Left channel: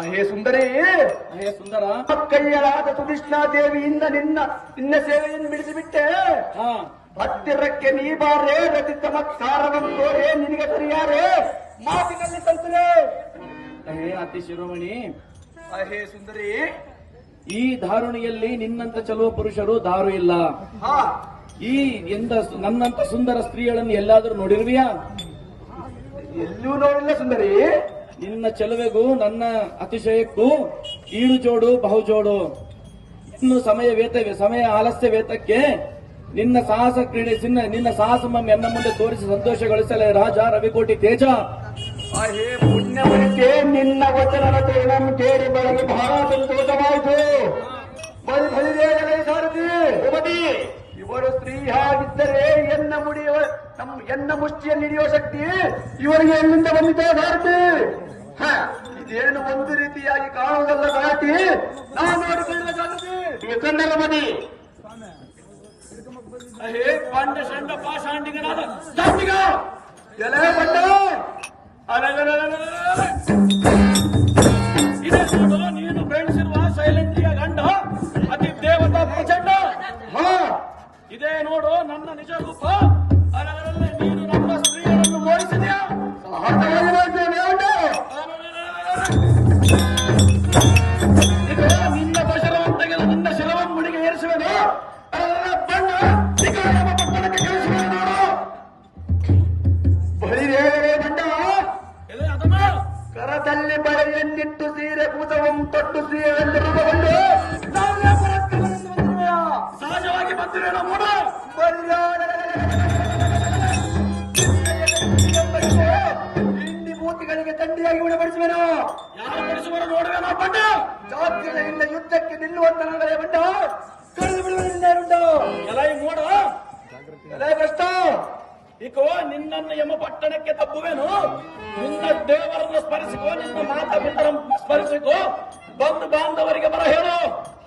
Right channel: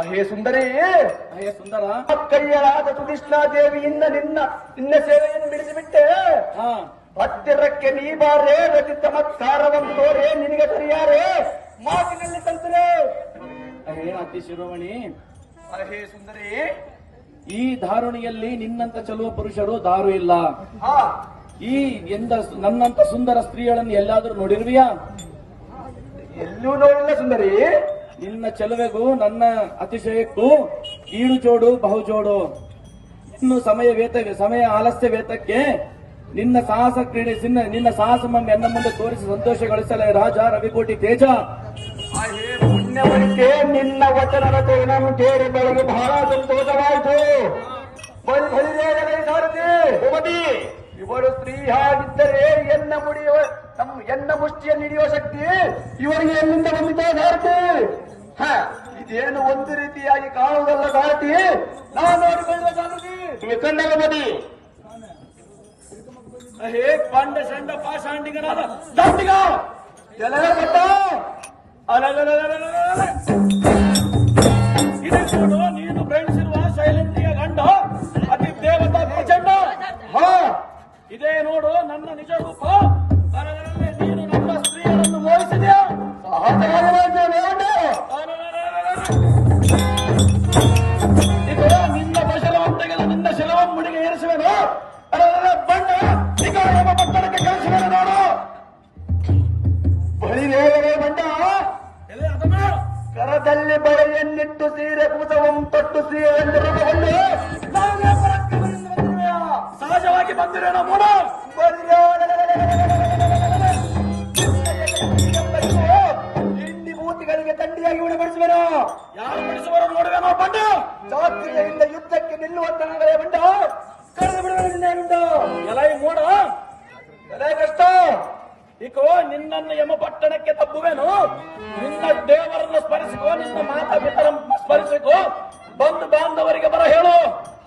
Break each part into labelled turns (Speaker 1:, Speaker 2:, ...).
Speaker 1: ಅಹೇ ಸುಂದರಿ.
Speaker 2: ಅಹೇ ಸುಂದರ.
Speaker 1: ಕೈಯಲಾದ ಸುಕೃಷ್ಣ ದೇವಿಯಿಂದ ನಿನ್ನ ನಿನ್ನ ಸೇವೆಯನ್ನು ಬಿಡಿಸಿಬಿಟ್ಟೆ.
Speaker 2: ಹಾ.
Speaker 1: ಹತ್ತಿರಕ್ಕೆ ನೀ ಬಾರೆ ರತಿ ಚಮತ್ಕಾರವಂತೋರೇ ತೋರೆ ನಿನಗೆ ಪರಿಯಾರೆ ಮಾತಿನಲ್ಲಿ ಕಲ್ತರೆ
Speaker 2: ಅಹೇ ಅತಿ ಶಿರೋಮಣಿ.
Speaker 1: ಅಹೇ ಸುಂದರಿ.
Speaker 2: ಈ ಧಾರುಣಿಯಲ್ಲಿ ನಿನ್ನಂತ ಚಲುವ ಪುರುಷರು ದಾರು ಇಲ್ಲ. ಈ ಎಂದ ನನ್ನಂತ ಸುಂದರ ಸ್ತ್ರೀಗಳನ್ನು ಎಲ್ಲಾದರೂ ನೋಡಿರ್ವಿಯಾ?
Speaker 1: ಎಲ್ಲೂ ನೋಡಿಲ್ಲ ಸುಂದರಿ.
Speaker 2: ನಿನ್ನ ಚೆಲುವೆಗೂ ನನ್ನ ಅತಿಶಯಕ್ಕೂ ಈಡು ಜೋಡು ಬಹುಜೋಡು. ಇನ್ನು ಸಮಯ ವೇತ ಸಮಯ ಆಲಸ್ಯ ವೇತಕ್ಕೆ ನಿನ್ನ ಸಾಹಸ ಕ್ರೀಡೆ ಸಿನ್ನ ನಿನ್ನ ಸಾಹಸ ಮಮ್ಮಿ ಎನ್ನ ಮುಂದೆ ತೋರಿಸಿ ಸಂತೋಷಗೊಳಿಸಲೇ. ರಾಜ ರವಿಕೋಟಿ ತೇಜ.
Speaker 1: ನಿನ್ನ ವಚನದ ತೋರಣನು ಕೇಳಿ ಬಳಿಗೆ ಬಹಳ ಸಂತೋಷವಾಯಿತು. ಇವರು ಸ್ತ್ರೀ ಎನ್ನ ಮುಡಿಯುವ ನಮ್ಮ ಎನ್ನ ಮುಷ್ಟಿಯನ್ನು ಹಿಡಿಯುವ ಶಕ್ತಿ ಇವರಿಗೆ ಎಲ್ಲಿಂದ ಬಂದಿದೆ ಸಾರಥಿ? ಹ, ಇದೇನು ಒಂದು ರೀತಿಯಾಗಿ ಕಾಣುವುದಲ್ಲ ಬಾಟಿ ನಾನು ನೋಡಿಕೊಳ್ಳುವ ಕನ್ನಡ ಬದಿ ಅಹೇ ಕಂಡ ಶಂಡ ಪಾಷಾಂಡಿಗನಾದ ದಾಂಡಿಗ! ಎಲೆ ಬಂದ.
Speaker 2: ಇದೆ ನೋಡು ನೀನು ಬೆಳೆಸಿರುವ ಸೈಲೆಂಟಿಯ ಗಂಡ ಅತಿ ದೇವತಾ ಪ್ರಚಂಡ.
Speaker 1: ಹಾ.
Speaker 2: ಇದೇ ನೋಡು ನನ್ನ ನಿಜ ರೂಪ.
Speaker 1: ಕರದಲ್ಲಿ ಬಳೆಯನ್ನಿಟ್ಟು ಸೀರೆ ಕೂಸವಂ ತೊಟ್ಟು
Speaker 2: ಬಂದಿರುವೆಯಾ? ಸಹಜವಾಗಿ ಬಂದಿರೋಣ ನೋಡ
Speaker 1: ಹಿಂದಿ ಮೂತಿಗಳಿಗೆ ತಂಡಿಯಾಗಿ ಉಣಬಡಿಸುವೆನು
Speaker 2: ಯಾರು ಬಿಡಿಸುವರೋ ನೋಡುವೆನೋ ಬಣ್ಣ
Speaker 1: ಜಾತ್ರೆಯಿಂದ ಯುದ್ಧಕ್ಕೆ ನಿಲ್ಲುವಂತನಾದರೆ ಬಂಡ ಕಳೆದು ಬಿಡುವುದರಿಂದ
Speaker 2: ಉಂಟು ಎಲ್ಲ ನೋಡ
Speaker 1: ಎಲ್ಲ ಕಷ್ಟ
Speaker 2: ಇಕೋ ನಿನ್ನನ್ನು ಯಮ ಪಟ್ಟಣಕ್ಕೆ ತಪ್ಪುವೆನು ದೇವರನ್ನು ಸ್ಮರಿಸಿಕೋ, ನಿನ್ನ ಮಾತಾ ಪಿತರನ್ನು ಸ್ಮರಿಸಿಕೋ. ಬಂಧು ಬಾಂಧವರಿಗೆ ಬರ ಹೇಳು.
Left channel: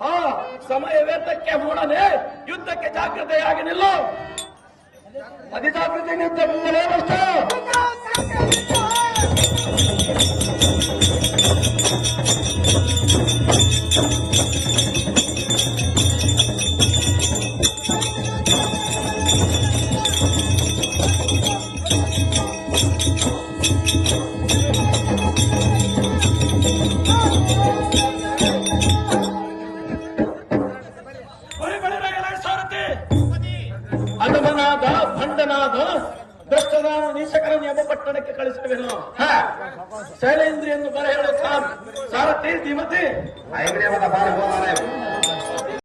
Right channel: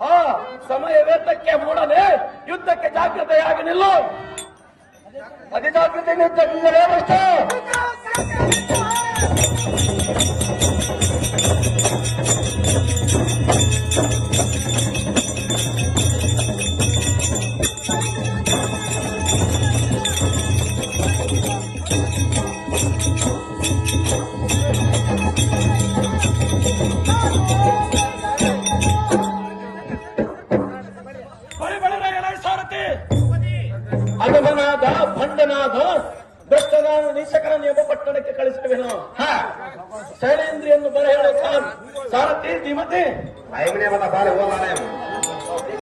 Speaker 2: ಹಾ, ಸಮಯ ವೇತಕ್ಕೆ ಮೂಡನೆ. ಯುದ್ಧಕ್ಕೆ ಜಾಗೃತೆಯಾಗಿ ನಿಲ್ಲು.
Speaker 1: ಅತಿ ಜಾಗ್ರತೆ ಯುದ್ಧಕ್ಕಿಂದಲೇ
Speaker 2: ಭಂಡನಾದ ಭ್ರಷ್ಟನಾದ ನೀಚಕರನ್ನು ಎಂಬ ಪಟ್ಟಣಕ್ಕೆ ಕಳಿಸುವೆನು? ಶೈಲೇಂದ್ರಿಯನ್ನು ಬರ ಹೇಳು ಸಾರ್ ಸಾರಥಿ ಧೀಮತಿ